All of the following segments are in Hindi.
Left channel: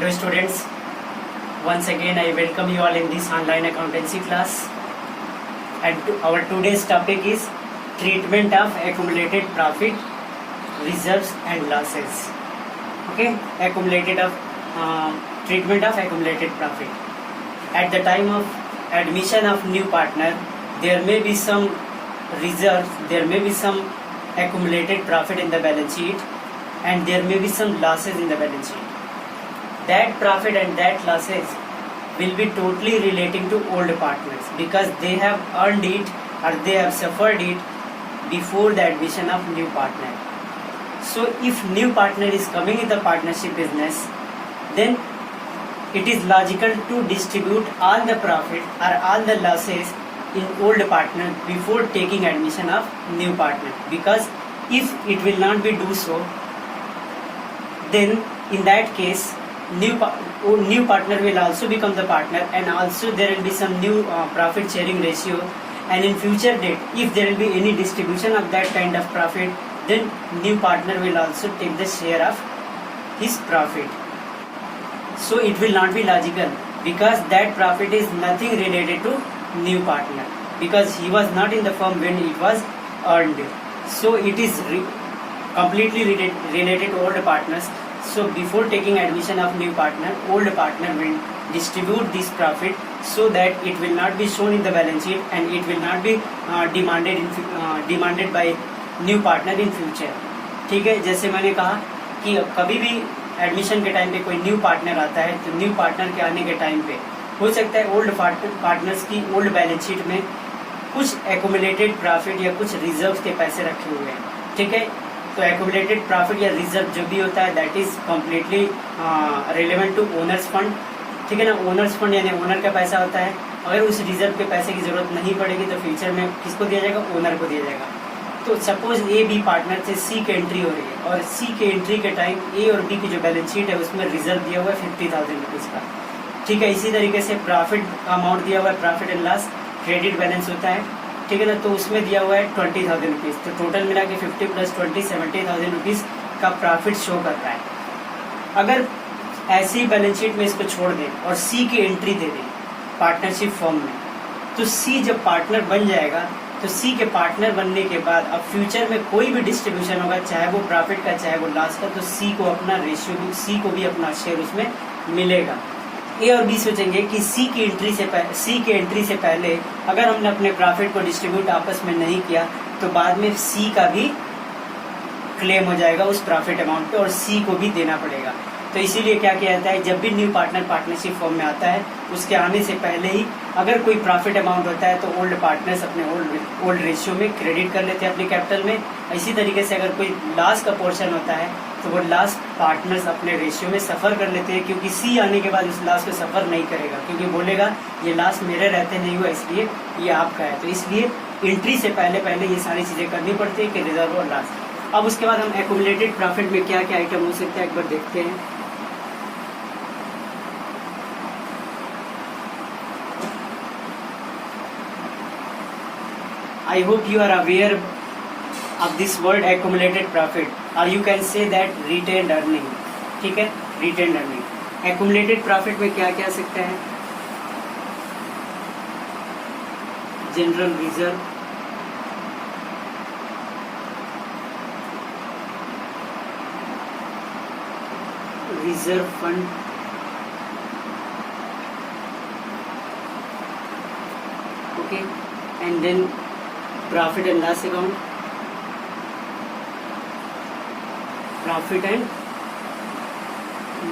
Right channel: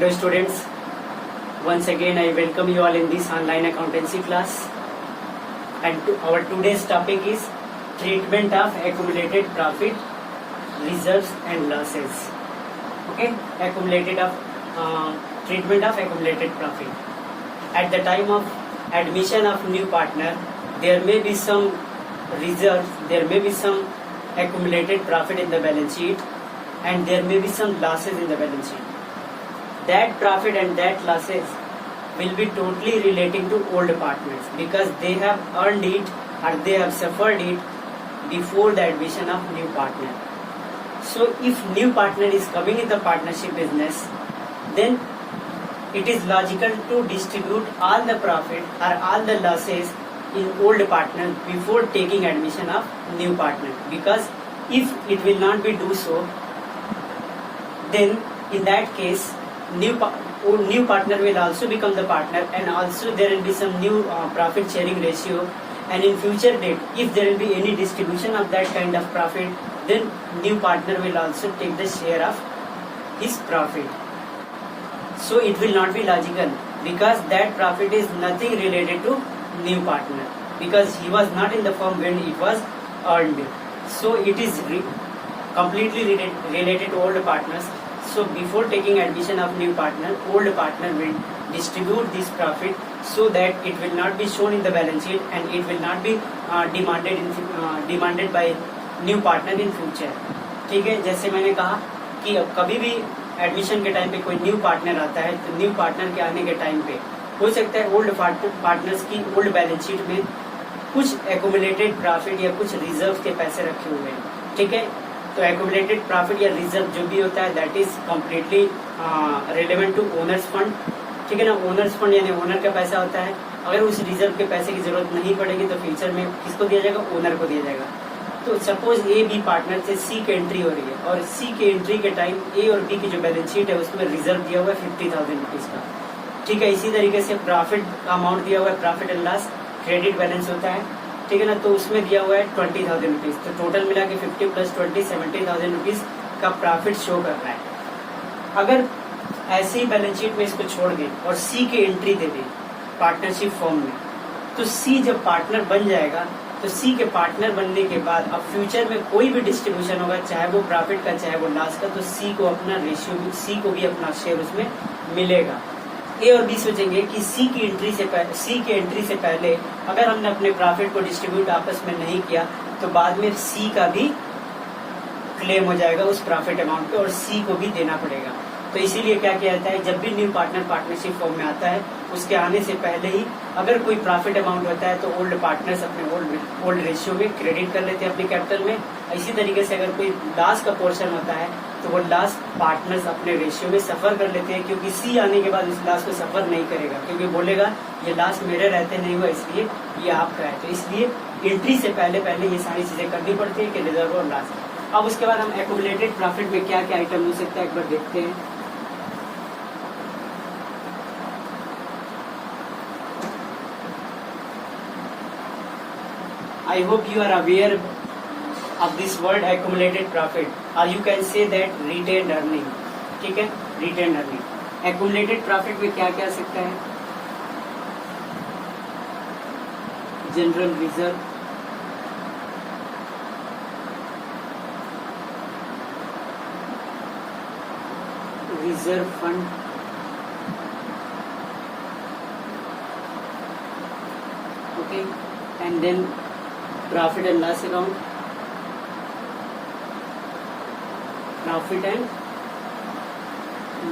Hello students, once again I welcome you all in this online accountancy class, and our today's topic is treatment of accumulated profit, reserves and losses. Okay, treatment of accumulated profit. At the time of admission of new partner, there may be some reserves, there may be some accumulated profit in the balance sheet, and there may be some losses in the balance sheet. That profit and that losses will be totally relating to old partners because they have earned it or they have suffered it before the admission of new partner. So if new partner is coming in the partnership business, then it is logical to distribute all the profit or all the losses in old partner before taking admission of new partner, because if it will not be do so, then in that case new partner will also become the partner, and also there will be some new profit sharing ratio, and in future date if there will be any distribution of that kind of profit, then new partner will also take the share of his profit. So it will not be logical because that profit is nothing related to new partner because he was not in the firm when it was earned. So it is completely related to old partners. So before taking admission of new partner, old partner will distribute this profit so that it will not be shown in the balance sheet and it will not be demanded by new partner in future. ठीक है, जैसे मैंने कहा कि कभी भी एडमिशन के टाइम पे कोई न्यू पार्टनर आता है तो न्यू पार्टनर के आने के टाइम पे हो सकता है ओल्ड पार्टनर्स की ओल्ड बैलेंस शीट में कुछ एक्यूमुलेटेड प्रॉफिट या कुछ रिजर्व के पैसे रखे हुए हैं. ठीक है, तो एक्यूमुलेटेड प्रॉफिट या रिजर्व जो भी होता है that is completely relevant to owners fund. ठीक है ना, ओनर्स फंड यानी ओनर का पैसा होता है. अगर उस रिजर्व के पैसे की जरूरत नहीं पड़ेगी तो फ्यूचर में किसको दिया जाएगा, ओनर को दिया जाएगा. तो सपोज ए बी पार्टनर से सी की एंट्री हो रही है और सी की एंट्री के टाइम ए और बी की जो बैलेंस शीट है उसमें रिजर्व दिया हुआ है 50,000 रुपीज का. ठीक है, इसी तरीके से प्रॉफिट का अमाउंट दिया हुआ है, profit and loss credit balance होता है. ठीक है ना, तो उसमें दिया हुआ है 20,000 रुपीज. तो टोटल मिला के 50 प्लस 20 70,000 रुपीज का प्रॉफिट शो कर रहा है. अगर ऐसी बैलेंस शीट में इसको छोड़ दें और सी की एंट्री दे दें पार्टनरशिप फॉर्म में, तो सी जब पार्टनर बन जाएगा तो सी के पार्टनर बनने के बाद अब फ्यूचर में कोई भी डिस्ट्रीब्यूशन होगा, चाहे वो प्रॉफिट का चाहे वो लॉस का, तो सी को अपना रेशियो, सी को भी अपना शेयर उसमें मिलेगा. ए और बी सोचेंगे कि सी की एंट्री से पहले अगर हमने अपने प्रॉफिट को डिस्ट्रीब्यूट आपस में नहीं किया तो बाद में सी का भी क्लेम हो जाएगा उस प्रॉफिट अमाउंट पे और सी को भी देना पड़ेगा. तो इसीलिए क्या किया जाता है, जब भी न्यू पार्टनर पार्टनरशिप फॉर्म में आता है उसके आने से पहले ही अगर कोई प्रॉफिट अमाउंट होता है तो ओल्ड पार्टनर्स अपने ओल्ड रेशियो में क्रेडिट कर लेते हैं अपने कैपिटल में. इसी तरीके से अगर कोई लॉस का पोर्शन होता है तो वो लॉस पार्टनर्स अपने रेशियो में सफर कर लेते हैं, क्योंकि सी आने के बाद उस लॉस को सफर नहीं करेगा, क्योंकि बोलेगा ये लॉस मेरे रहते नहीं हुआ इसलिए ये आपका है. तो इसलिए एंट्री से पहले ये सारी चीजें करनी पड़ती है कि रिजर्व और लॉस. अब उसके बाद हम एक्यूमुलेटेड प्रॉफिट में क्या क्या आइटम हो सकता है एक बार देखते हैं. I hope you are aware of this word accumulated profit, or you can say that retained earning. ठीक है, retained earning. Accumulated profit में क्या क्या आ सकता है, general reserve, reserve fund, okay, and then profit and loss account, profit and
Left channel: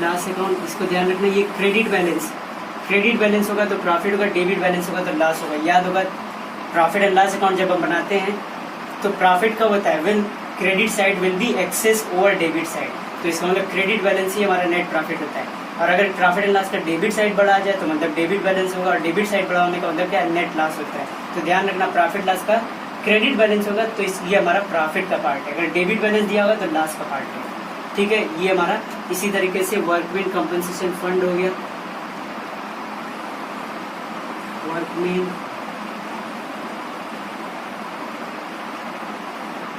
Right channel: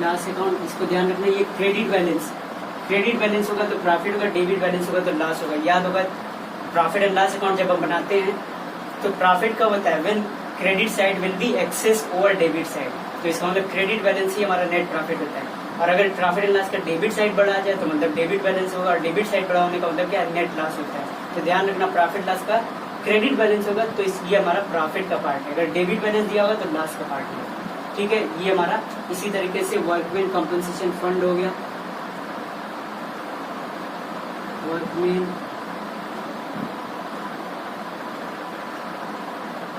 loss account. इसको ध्यान रखना, ये क्रेडिट बैलेंस होगा तो प्रॉफिट होगा, डेबिट बैलेंस होगा तो लॉस होगा. याद होगा प्रॉफिट एंड लॉस अकाउंट जब हम बनाते हैं तो प्रॉफिट कब होता है, when credit side will be excess over debit side. तो इसका मतलब क्रेडिट बैलेंस ही हमारा नेट प्रॉफिट होता है. और अगर प्रॉफिट एंड लॉस का डेबिट साइड बढ़ा जाए तो मतलब डेबिट बैलेंस होगा, और डेबिट साइड बढ़ा होने का मतलब क्या है, नेट लॉस होता है. तो ध्यान रखना प्रॉफिट लॉस का क्रेडिट बैलेंस होगा तो इसलिए हमारा प्रॉफिट का पार्ट है, अगर डेबिट बैलेंस दिया होगा तो लॉस का पार्ट है. ठीक है, ये हमारा. इसी तरीके से वर्कमैन कंपनसेशन फंड हो गया, वर्कमैन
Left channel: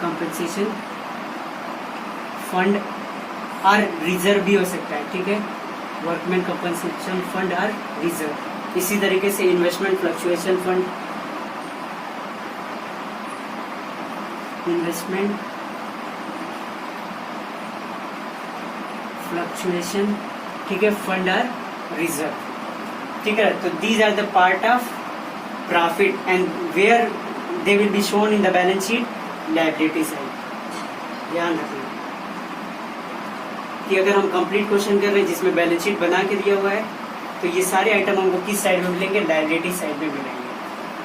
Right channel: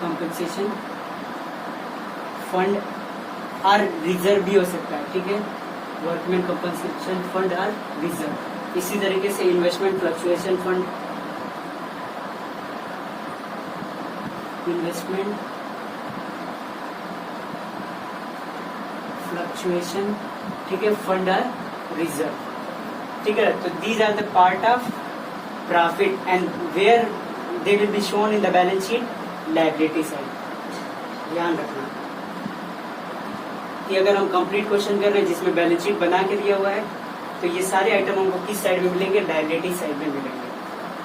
कंपनसेशन फंड और रिजर्व भी हो सकता है. ठीक है, workman compensation fund or reserve. इसी तरीके से investment fluctuation fund, investment fluctuation, ठीक है, फंड आर रिजर्व, ठीक है। तो these are the part of profit and where they will be shown in the balance sheet liability side. ध्यान रखना कि अगर हम कंप्लीट क्वेश्चन कर रहे हैं जिसमें बैलेंस शीट बना के दिया हुआ है तो ये सारे आइटम हमको किस साइड में मिलेंगे, लायबिलिटी साइड में मिलेंगे,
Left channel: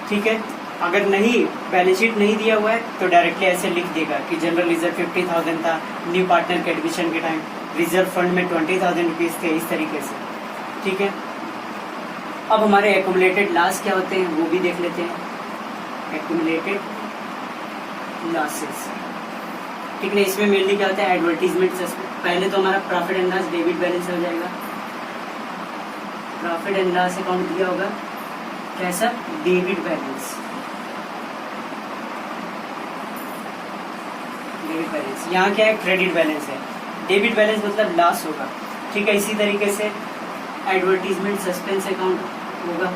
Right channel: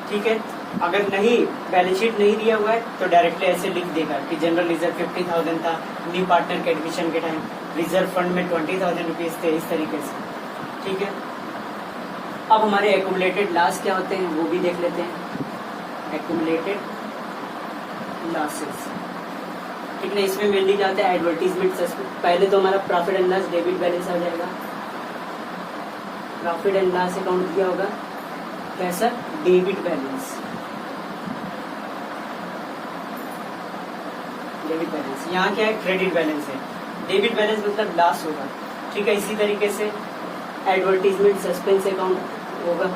ठीक है। अगर नहीं बैलेंस शीट नहीं दिया हुआ है तो डायरेक्टली ऐसे लिख देगा कि जनरल रिजर्व 50,000 था न्यू पार्टनर के एडमिशन के टाइम, रिजर्व फंड में 20,000 रुपीज थे, इस तरीके से, ठीक है। अब हमारे एक्यूमुलेटेड लॉस क्या होते हैं वो भी देख लेते हैं। एक्यूमुलेटेड लॉसेस, ठीक है, इसमें मेनली क्या होता है, एडवर्टीजमेंट। पहले तो हमारा profit and loss debit balance हो जाएगा, प्रॉफिट एंड लॉस अकाउंट दिया होगा कैसा, डेबिट बैलेंस, डेबिट बैलेंस। यहाँ क्या है, क्रेडिट बैलेंस है, डेबिट बैलेंस मतलब लॉस होगा, ठीक है। इसी तरीके से एडवर्टीजमेंट सस्पेंस अकाउंट होगा,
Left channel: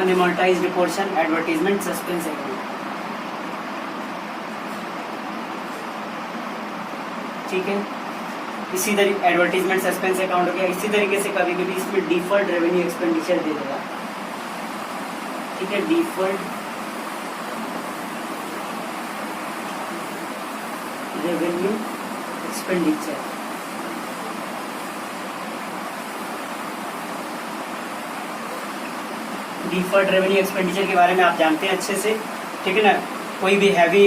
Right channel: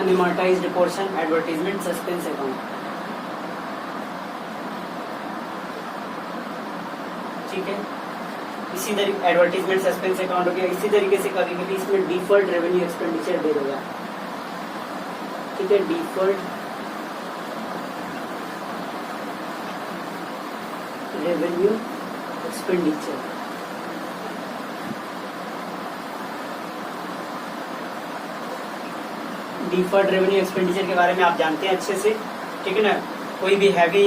अनअमोर्टाइज्ड पोर्शन एडवर्टीजमेंट सस्पेंस अकाउंट, ठीक है। इसी तरीके एडवर्टीजमेंट सस्पेंस अकाउंट हो गया। इसी तरीके से कभी कभी इसमें डिफर्ड रेवेन्यू एक्सपेंडिचर दे देगा, ठीक है, deferred revenue expenditure, deferred revenue expenditure के बारे में आप जानते हैं अच्छे से, ठीक है ना। कोई भी हैवी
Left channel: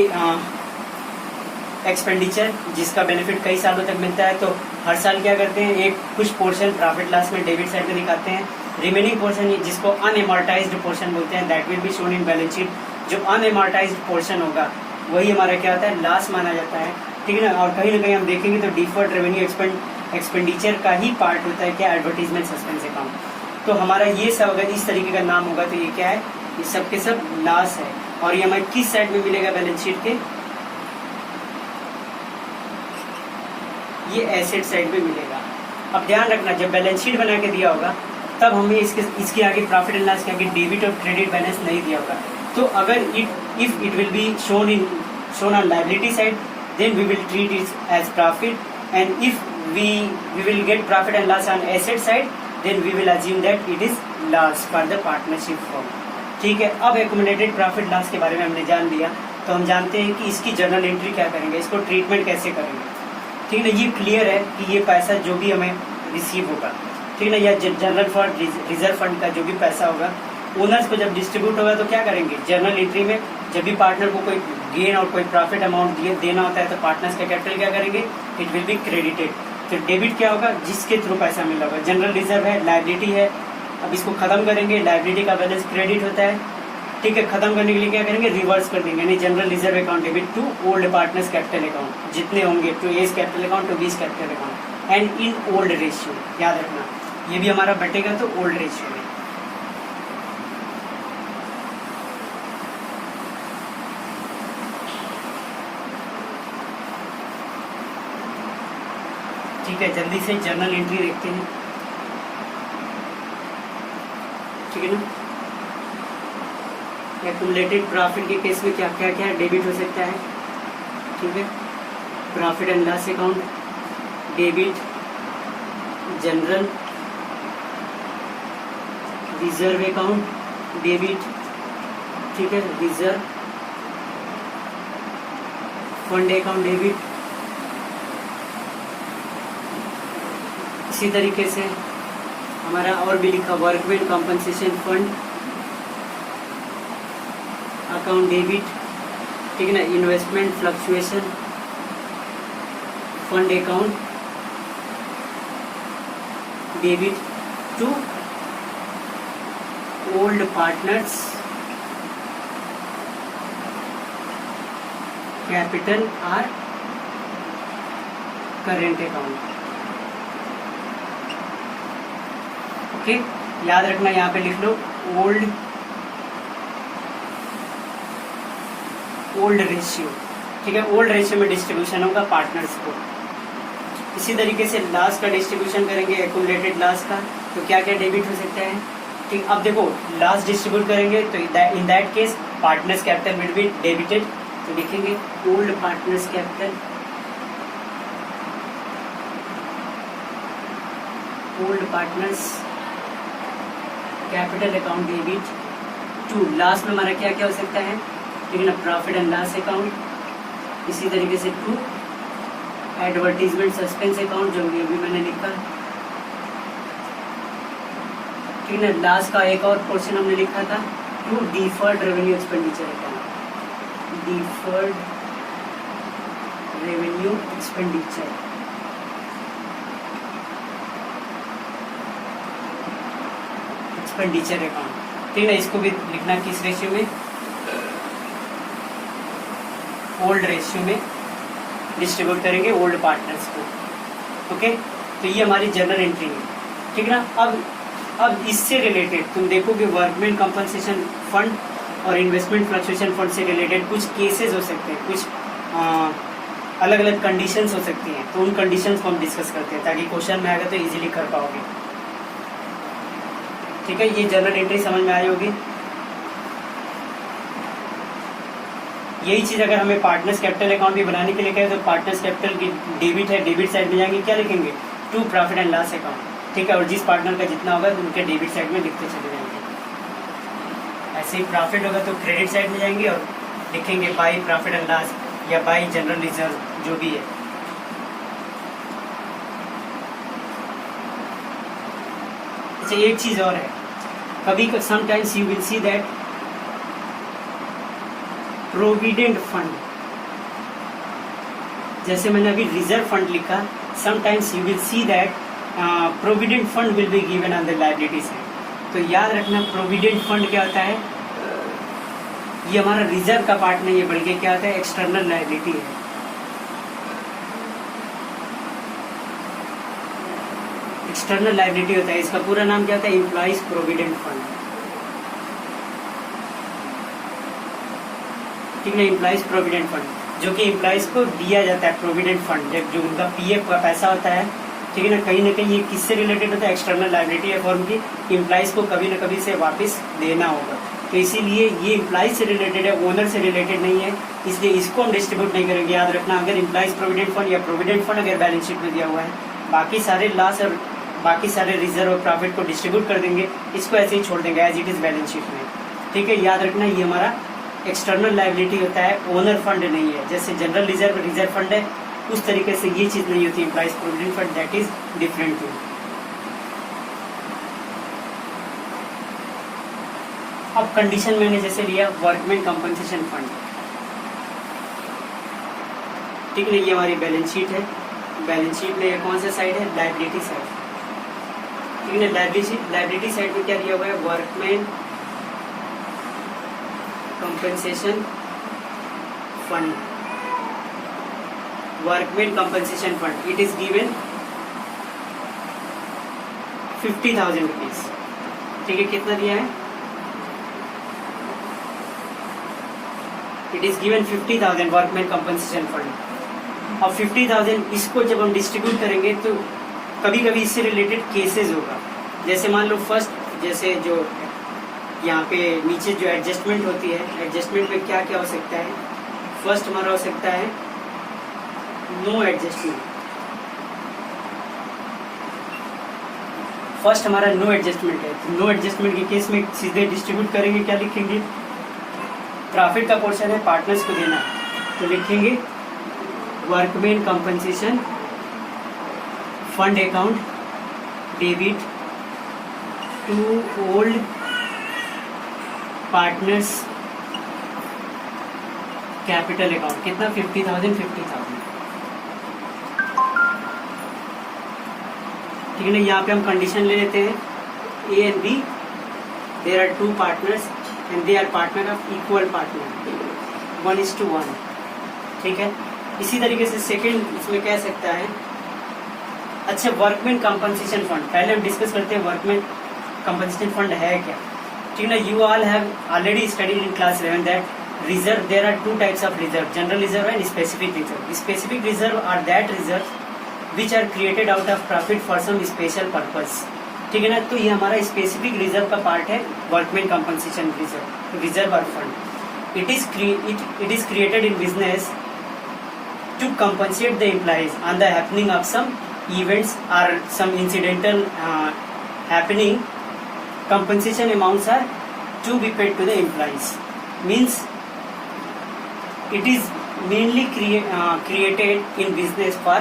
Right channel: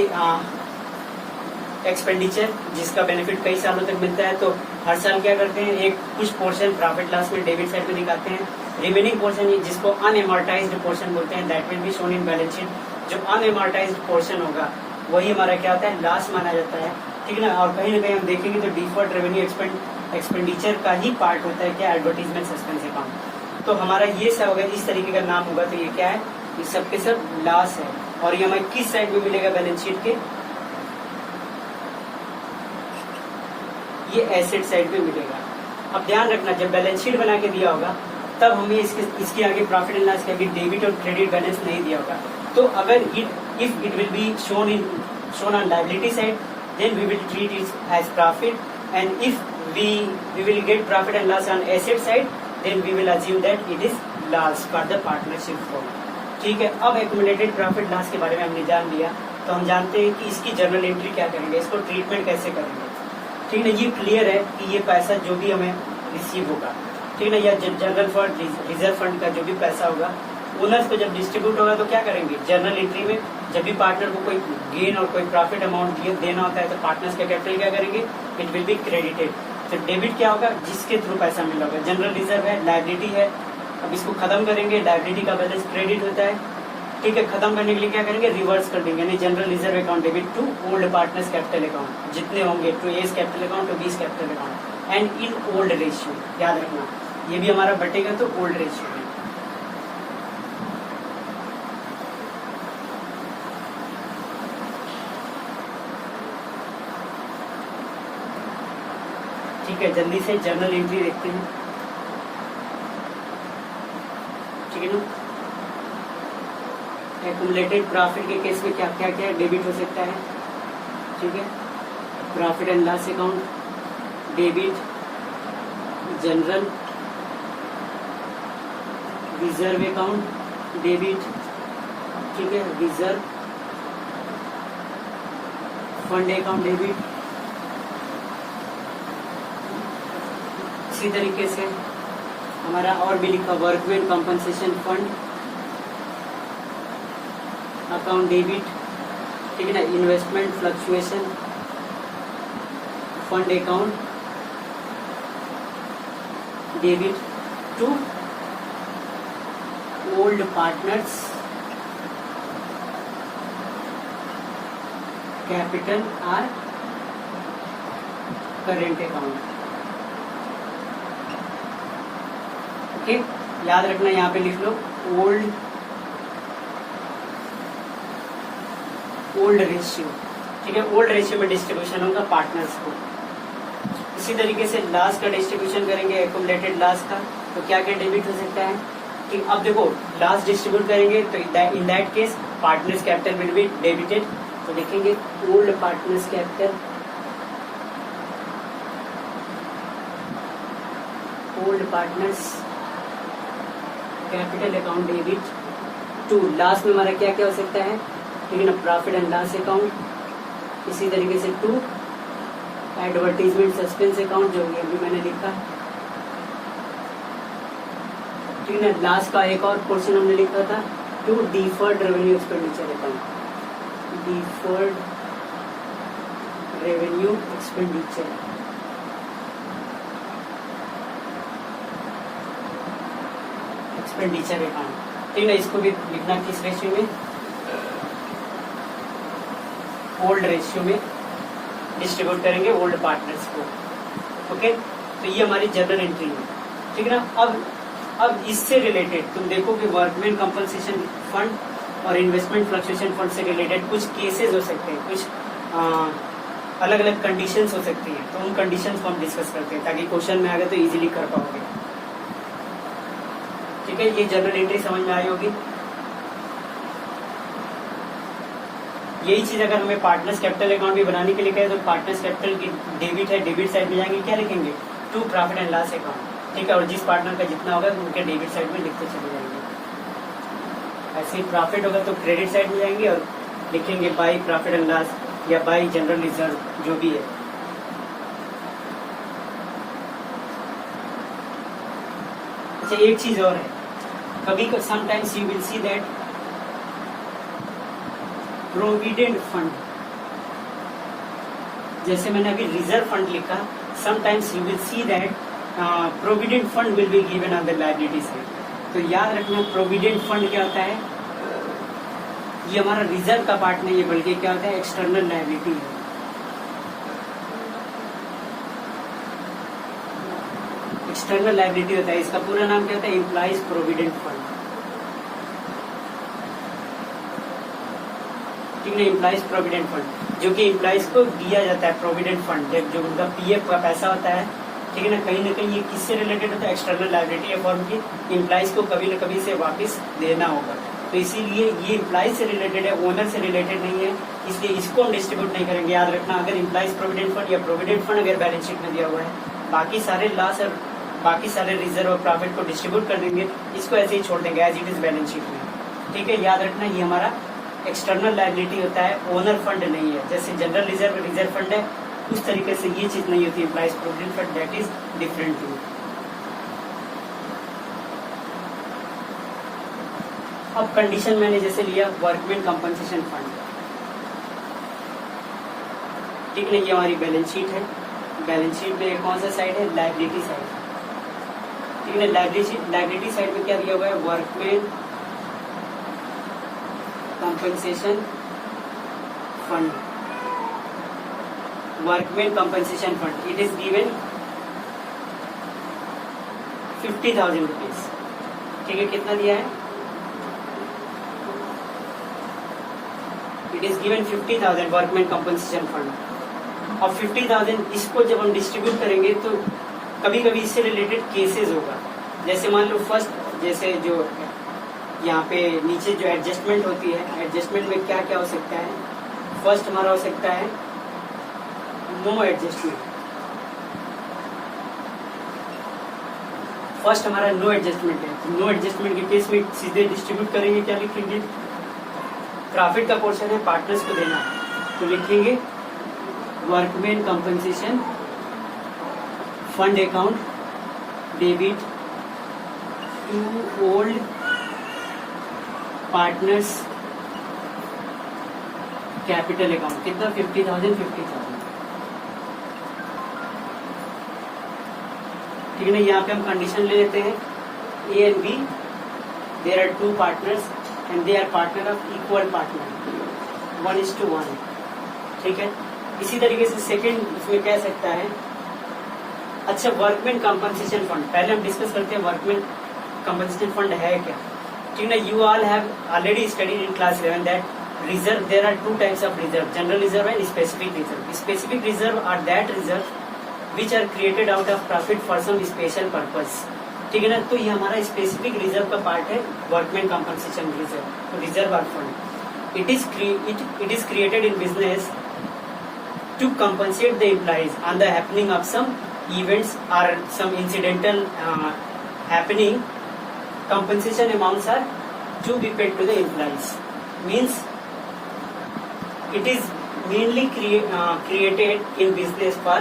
एक्सपेंडिचर जिसका बेनिफिट कई सालों तक मिलता है तो हर साल क्या करते हैं, एक कुछ पोर्शन प्रॉफिट लॉस में डेबिट साइड में दिखाते हैं, रिमेनिंग पोर्शन जिसको अनएमोर्टाइज्ड पोर्शन बोलते हैं that will be shown in balance sheet. जो अनएमोर्टाइज्ड पोर्शन होगा वही हमारा क्या होता है, लॉस माना जाता है, ठीक है ना। और कहीं ना कहीं हम देखेंगे तो डिफर्ड रेवेन्यू एक्सपेंडिचर का ही पार्ट होता है क्या, एडवर्टीजमेंट सस्पेंस अकाउंट। तो हमारा ये सब अगर इस तरीके का नाम होगा तो ये क्या है, ये सब के सब लॉस है। और ये हमें किस साइड में मिलेगा बैलेंस शीट के, ये एसेट साइड पे मिलेगा। अब ध्यान रखना जब बैलेंस शीट बना के दिया होगा तब हमें इसके आगे प्रॉफिट एंड लॉस के आगे डेबिट और क्रेडिट बैलेंस नहीं दिया होगा। तो अगर if it will be shown on liability side then we will treat it as profit, and if we will get profit and loss on asset side then we will assume that it is loss for the partnership form, ठीक है। अब एक्यूमुलेटेड प्रॉफिट लॉस के बारे में हमने जान लिया तो हम जानते हैं कि इसकी जर्नल एंट्री क्या करेंगे, इसको ट्रीटमेंट कैसे करेंगे, ठीक है। ये क्लियर है कि ये पैसा जो भी हमें रिसीव होगा, ठीक है, या जनरल फंड रिजर्व फंड का जो भी पैसा होगा ओनर्स को जब डिस्ट्रीब्यूट होगा तो क्या करेंगे, जर्नल एंट्री में जब भी पार्टनर को कोई गेन और कोई प्रॉफिट अमाउंट देना होता है तो पार्टनर्स का कैपिटल क्या करेंगे, इट विल बी क्रेडिटेड। तो डेबिट क्या होगा, जिसके थ्रू पैसा मिल रहा होगा, जनरल रिजर्व है, लायबिलिटी है, अब इसको खत्म करेंगे, लायबिलिटी का बैलेंस क्रेडिट होता है, ठीक है। खत्म करने के लिए क्या करेंगे, रिवर्स कर देंगे, यानी general reserve account debit to old partners capital account, जितने होंगे to A's capital account to B's capital account and in old ratio. याद रखना ये भी हमारा बटेगा तो ओल्ड रेशियो में, ठीक है। जल्दी से जर्नल एंट्री देखते हैं, ठीक है ना। एक्यूमुलेटेड प्रॉफिट के केस में क्या क्या क्या डेबिट हो सकता है, ठीक है। Profit and loss account debit, general reserve account debit, ठीक है, रिजर्व फंड अकाउंट डेबिट। इसी तरीके से हमारा और भी लिखा workman compensation fund account debit, ठीक है ना। Investment fluctuation fund account debit to old partners capital or current account, okay. याद रखना यहाँ पे लिख लो ओल्ड रेशियो, ठीक है। ओल्ड रेशियो में डिस्ट्रीब्यूशन होगा पार्टनर्स को, इसी तरीके से लॉस का डिस्ट्रीब्यूशन करेंगे, एक्यूमुलेटेड लॉस का, तो क्या क्या डेबिट हो सकता है। ठीक, अब देखो लॉस डिस्ट्रीब्यूट करेंगे तो in that case partners capital will be debited, तो लिखेंगे old partners capital, old partners capital account debit to, last में हमारा क्या क्या हो सकता है, ठीक है ना, प्रॉफिट एंड लॉस अकाउंट, इसी तरीके से टू एडवर्टीजमेंट सस्पेंस अकाउंट जो भी अभी मैंने लिखा, ठीक है ना। लास्ट का एक और पोर्शन हमने लिखा था to deferred revenue expenditure account, deferred revenue expenditure, expenditure account, ठीक है। इसको भी लिखना किस रेशियो में, ओल्ड रेशियो में डिस्ट्रीब्यूट करेंगे ओल्ड पार्टनर्स को, ओके। तो ये हमारी जनरल एंट्री है, ठीक है ना। अब इससे रिलेटेड तुम देखो कि वर्कमैन कंपनसेशन फंड और इन्वेस्टमेंट फ्लक्चुएशन फंड से रिलेटेड कुछ केसेस हो सकते हैं, कुछ अलग अलग कंडीशंस हो सकती हैं, तो उन कंडीशंस को हम डिस्कस करते हैं ताकि क्वेश्चन में आएगा तो इजीली कर पाओगे, ठीक है। ये जनरल एंट्री समझ में आई होगी। यही चीज अगर हमें पार्टनर्स कैपिटल अकाउंट भी बनाने के लिए कहे तो पार्टनर्स कैपिटल की डेबिट है, डेबिट साइड में जाएंगे क्या लिखेंगे, to profit and loss account, ठीक है। और जिस पार्टनर का जितना होगा तो उनके डेबिट साइड में लिखते चले जाएंगे। ऐसे ही प्रॉफिट होगा तो क्रेडिट साइड में जाएंगे और लिखेंगे बाई प्रॉफिट एंड लॉस या बाई जनरल रिजर्व जो भी है। अच्छा एक चीज और है, कभी sometimes you will see that provident fund, जैसे मैंने अभी रिजर्व फंड लिखा, sometimes you will see that provident fund will be given on the liability side. तो याद रखना प्रोविडेंट फंड क्या होता है, ये हमारा रिजर्व का पार्ट नहीं है बल्कि क्या होता है, एक्सटर्नल लायबिलिटी है। एक्सटर्नल लायबिलिटी होता है, इसका पूरा नाम क्या होता है, एम्प्लॉइज प्रोविडेंट फंड, ठीक है। एम्प्लॉइज प्रोविडेंट फंड जो कि एम्प्लॉइज को दिया जाता है, प्रोविडेंट फंड जो उनका पीएफ का पैसा होता है, ठीक है ना कहीं ये किससे रिलेटेड होता है, एक्सटर्नल लायबिलिटी है फर्म की, एम्प्लॉइज को कभी न कभी से वापस देना होगा। तो इसीलिए ये एम्प्लॉइज से रिलेटेड है, ओनर से रिलेटेड नहीं है, इसलिए इसको हम डिस्ट्रीब्यूट नहीं करेंगे। याद रखना अगर एम्प्लॉइज प्रोविडेंट फंड या प्रोविडेंट फंड अगर बैलेंस शीट में दिया हुआ है, बाकी सारे लॉस और बाकी सारे रिजर्व और प्रॉफिट को डिस्ट्रीब्यूट कर देंगे, इसको ऐसे ही छोड़ देंगे as it is balance sheet में, ठीक है। याद रखना ये हमारा एक्सटर्नल लायबिलिटी होता है, ओनर फंड नहीं है। जैसे जनरल रिजर्व फंड है उस तरीके से ये चीज नहीं होती, employees provident fund that is different thing. अब कंडीशन मैंने जैसे लिया वर्कमैन कंपनसेशन फंड, ठीक है। ये हमारी बैलेंस शीट है, बैलेंस शीट में कौन सा साइड है, लायबिलिटी साइड, ठीक है। लायबिलिटी साइड में क्या दिया हुआ है, workman compensation fund, workman compensation fund it is given 50,000 rupees, ठीक है। कितना दिया है, it is given 50,000 workman compensation fund. अब 50,000 इसको जब हम डिस्ट्रीब्यूट करेंगे तो कभी कभी इससे रिलेटेड केसेस होगा। जैसे मान लो फर्स्ट, जैसे जो यहाँ पे नीचे जो एडजस्टमेंट होती है, एडजस्टमेंट में क्या क्या हो सकता है, फर्स्ट हमारा हो सकता है नो एडजस्टमेंट, फर्स्ट हमारा नो एडजस्टमेंट है। तो नो एडजस्टमेंट के केस में सीधे डिस्ट्रीब्यूट करेंगे, क्या लिखेंगे, प्रॉफिट का पोर्शन है पार्टनर्स को देना है, तो लिखेंगे workman compensation fund account debit to old partners capital account, कितना 50,000 ठीक है ना। यहाँ पे हम कंडीशन ले लेते हैं A and B, there are two partners and they are partner of equal partner 1:1, ठीक है। इसी तरीके से सेकेंड इसमें कह सकता है, अच्छा वर्कमैन कंपनसेशन फंड, पहले हम डिस्कस करते हैं वर्कमैन कंपनसेशन फंड है क्या, ठीक है ना। You all have already studied in class 11 that reserve, there are two types of reserve, general reserve and specific reserve. Specific reserve are that reserve which are created out of profit for some special purpose. ठीक है ना, तो ये हमारा स्पेसिफिक रिजर्व का पार्ट है, वर्कमैन कंपनसेशन रिजर्व और fund. It is created in business to compensate the employees on the happening of some events or some incidental happening. Compensation amounts are to be paid to the employees. Means it is mainly created in business for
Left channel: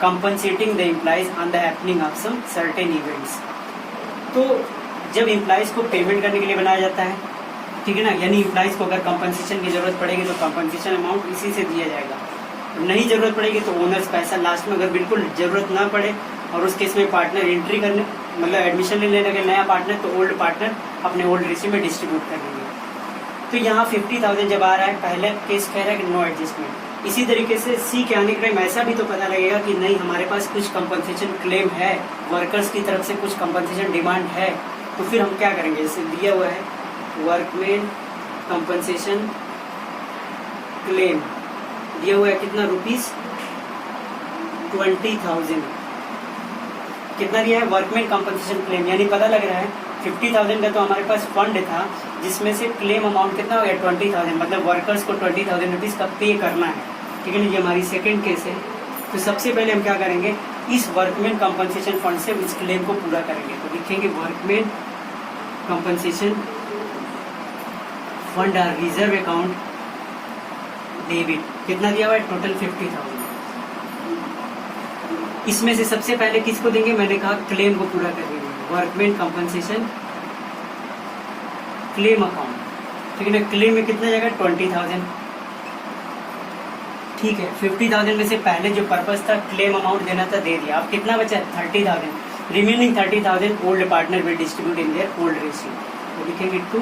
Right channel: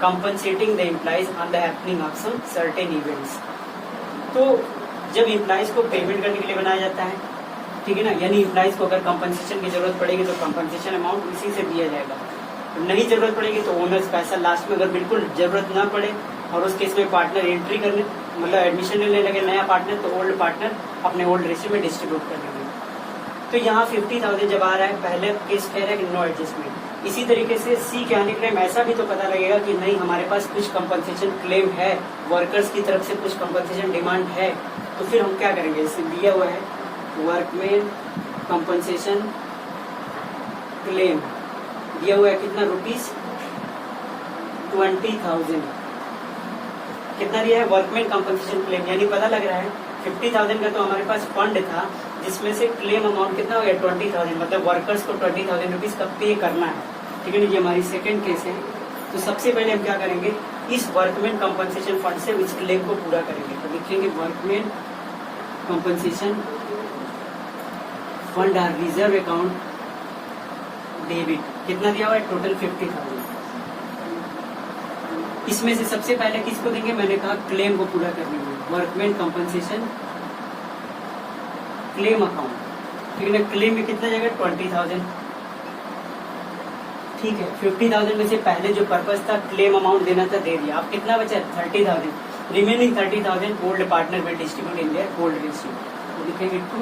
compensating the employees on the happening of some certain events. तो जब एम्प्लॉइज को पेमेंट करने के लिए बनाया जाता है, ठीक है ना, यानी एम्प्लॉइज को अगर कंपनसेशन की जरूरत पड़ेगी तो कंपनसेशन अमाउंट इसी से दिया जाएगा, नहीं जरूरत पड़ेगी तो ओनर्स पैसा लास्ट में, अगर बिल्कुल जरूरत ना पड़े और उस केस में पार्टनर एंट्री करने मतलब एडमिशन लेने लगे नया पार्टनर, तो ओल्ड पार्टनर अपने ओल्ड रेशियो में डिस्ट्रीब्यूट कर देंगे। तो यहाँ 50,000 जब आ रहा है, पहले केस कह रहा है कि नो एडजस्टमेंट। इसी तरीके से सी के आने के टाइम ऐसा भी तो पता लगेगा कि नहीं हमारे पास कुछ कंपनसेशन क्लेम है, वर्कर्स की तरफ से कुछ कंपनसेशन डिमांड है, तो फिर हम क्या करेंगे, जैसे दिया हुआ है वर्कमैन कंपनसेशन क्लेम दिया हुआ है कितना रुपीस 20,000, कितना दिया है वर्कमैन कंपनसेशन क्लेम, यानी पता लग रहा है 50,000 का तो हमारे पास फंड था जिसमें से क्लेम अमाउंट कितना हो गया 20,000, मतलब वर्कर्स को 20,000 रुपीज का पे करना है। ठीक है ना, ये हमारी सेकंड केस है। तो सबसे पहले हम क्या करेंगे, इस वर्कमैन कंपनसेशन फंड से इस क्लेम को पूरा करेंगे। तो लिखेंगे वर्कमैन कंपनसेशन फंड और रिजर्व अकाउंट डेबिट, कितना दिया हुआ है टोटल 50,000। इसमें से सबसे पहले किसको देंगे, मैंने कहा क्लेम को पूरा कर देंगे, वर्कमैन कंपनसेशन क्लेम अकाउंट। ठीक है ना, क्लेम में कितना जाएगा 20,000। ठीक है, 50,000 में से पहले जो पर्पस था क्लेम अमाउंट देना था दे दिया, अब कितना बचा 30,000, remaining 30,000 old partner will distribute in their old ratio. तो लिखेंगे टू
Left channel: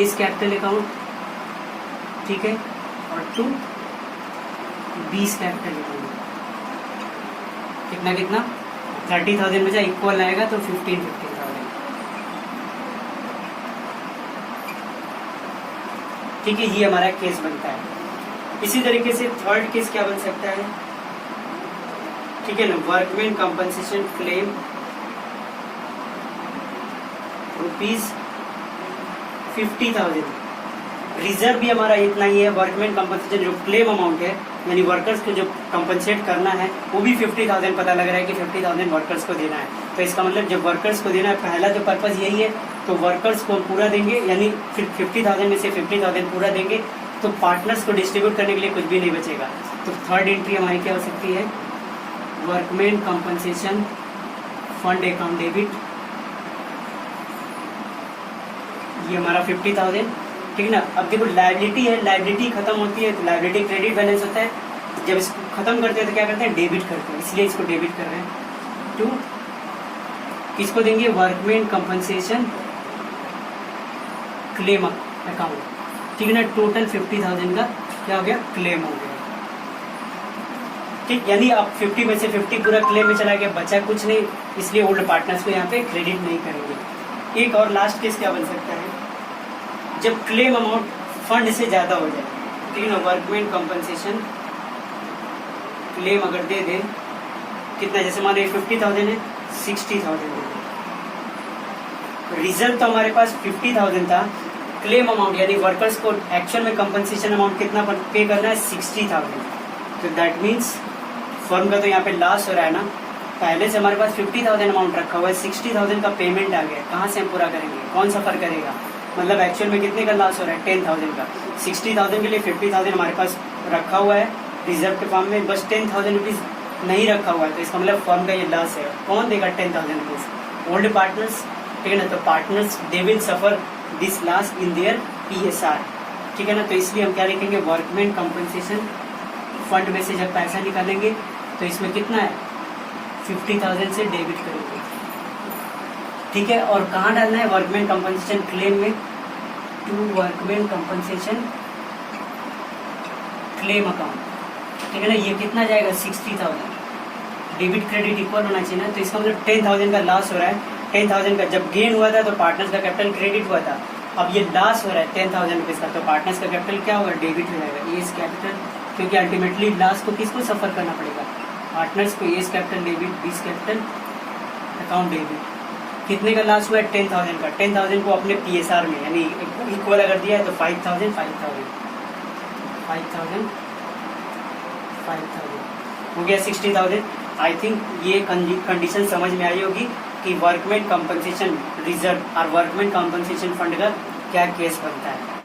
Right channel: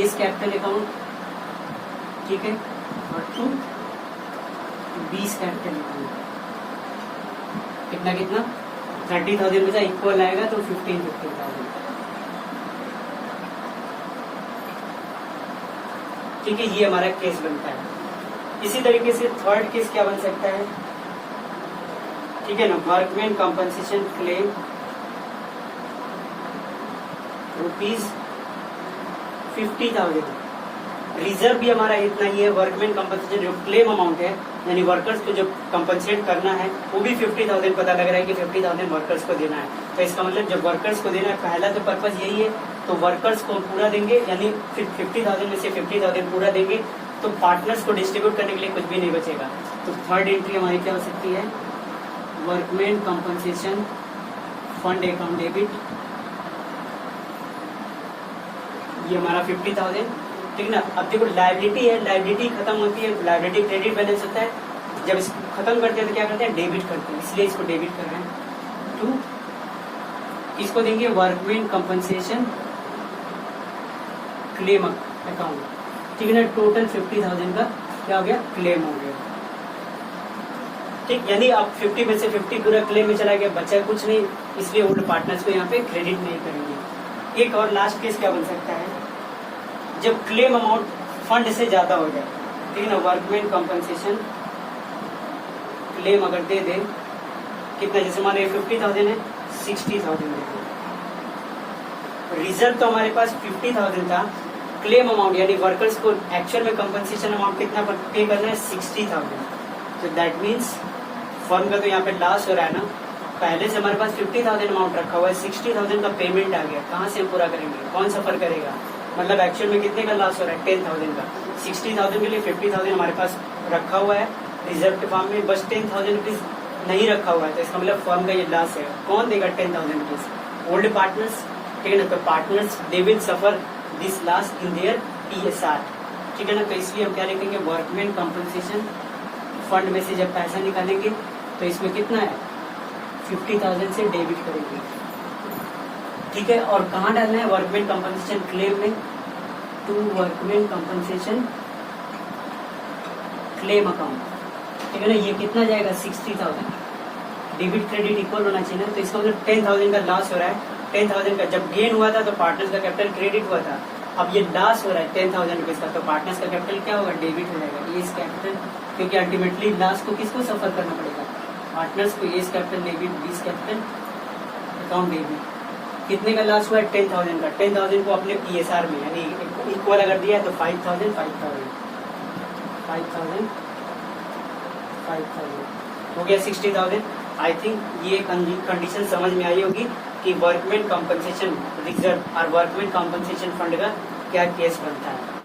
इज कैपिटल अकाउंट, ठीक है, और टू बीस कैपिटल अकाउंट, कितना कितना 30,000 बचा, इक्वल आएगा तो 15,000। ठीक है, ये हमारा केस बनता है। इसी तरीके से थर्ड केस क्या बन सकता है, ठीक है ना, workman compensation claim rupees 50,000, reserve भी हमारा इतना ही है, वर्कमैन कंपनसेशन जो क्लेम अमाउंट है यानी वर्कर्स को जो कंपनसेट करना है वो भी 50,000 पता लग रहा है कि 50,000 वर्कर्स को देना है। तो इसका मतलब जब वर्कर्स को देना है, पहला तो पर्पज यही है, तो वर्कर्स को पूरा देंगे, यानी फिर 50,000 में से 50,000 पूरा देंगे, तो पार्टनर्स को डिस्ट्रीब्यूट करने के लिए कुछ भी नहीं बचेगा। तो थर्ड एंट्री हमारी क्या हो सकती है, workman compensation fund account debit, ये हमारा 50,000। ठीक है ना, अब देखो लायबिलिटी है, लायबिलिटी खत्म होती है, लायबिलिटी क्रेडिट बैलेंस होता है, जब इसको खत्म करते हैं तो क्या करते हैं, डेबिट करते हैं, इसलिए इसको डेबिट कर रहे हैं। टू इसको देंगे वर्कमैन कंपनसेशन क्लेम अकाउंट। ठीक है ना, टोटल 50,000 का क्या हो गया, क्लेम हो गया। ठीक, यानी अब 50 में से 50 पूरा क्लेम में चला गया, बचा कुछ नहीं, इसलिए ओल्ड पार्टनर्स को यहाँ पे क्रेडिट नहीं करेंगे। एक और लास्ट केस क्या बन सकता है, जब क्लेम अमाउंट फंड से ज्यादा हो जाए। ठीक है ना, वर्कमैन कंपनसेशन क्लेम अगर दे दे कितना, जैसे मान लीजिए 50,000 है, 60,000 है, रिजर्व तो हमारे पास 50,000 था, क्लेम अमाउंट यानी वर्कर्स को एक्चुअल में कंपनसेशन अमाउंट कितना पे करना है 60,000। तो दैट मीन्स फर्म का तो यहाँ पे लॉस हो रहा है ना, पहले से हमारे पास 50,000 अमाउंट रखा हुआ है, 60,000 का पेमेंट आ गया, कहाँ से हम पूरा करेंगे, कौन सफर करेगा, मतलब एक्चुअल में कितने का लॉस हो रहा है 10,000 का, 60,000 के लिए 50,000 हमारे पास रखा हुआ है रिजर्व के फॉर्म में, बस 10,000 रुपीज नहीं रखा हुआ है, तो इसका मतलब फर्म का ये लॉस है। कौन देगा 10,000 रुपीज, ओल्ड पार्टनर्स। ठीक है ना, तो partners they will suffer this loss in their PSR। ठीक है ना, तो इसलिए हम क्या लिखेंगे, वर्कमैन कंपनसेशन फंड में से जब पैसा निकालेंगे तो इसमें कितना है 50,000 से डेबिट करेंगे। ठीक है, और कहाँ डालना है, वर्कमैन कंपनसेशन क्लेम में, to workman compensation claim account. ठीक है ना, ये कितना जाएगा 60,000, डेबिट क्रेडिट इक्वल होना चाहिए ना, तो इसका मतलब 10,000 का लॉस हो रहा है, 10,000 का जब गेन हुआ था तो पार्टनर्स का कैपिटल क्रेडिट हुआ था, अब ये लॉस हो रहा है 10,000 रुपीज का, तो पार्टनर्स का कैपिटल क्या होगा, डेबिट हो जाएगा, ये इस कैपिटल, क्योंकि अल्टीमेटली लॉस को किसको सफर करना पड़ेगा, पार्टनर्स को as capital debit, B's capital account debit, कितने का लास्ट हुआ है 10,000 का। 10,000 को अपने PSR में यानी इक्वल अगर दिया है तो 5,000 हो गया 60,000। आई थिंक ये कंडीशन समझ में आई होगी कि वर्कमैन कंपनसेशन रिजर्व और वर्कमैन कंपनसेशन फंड का क्या केस बनता है।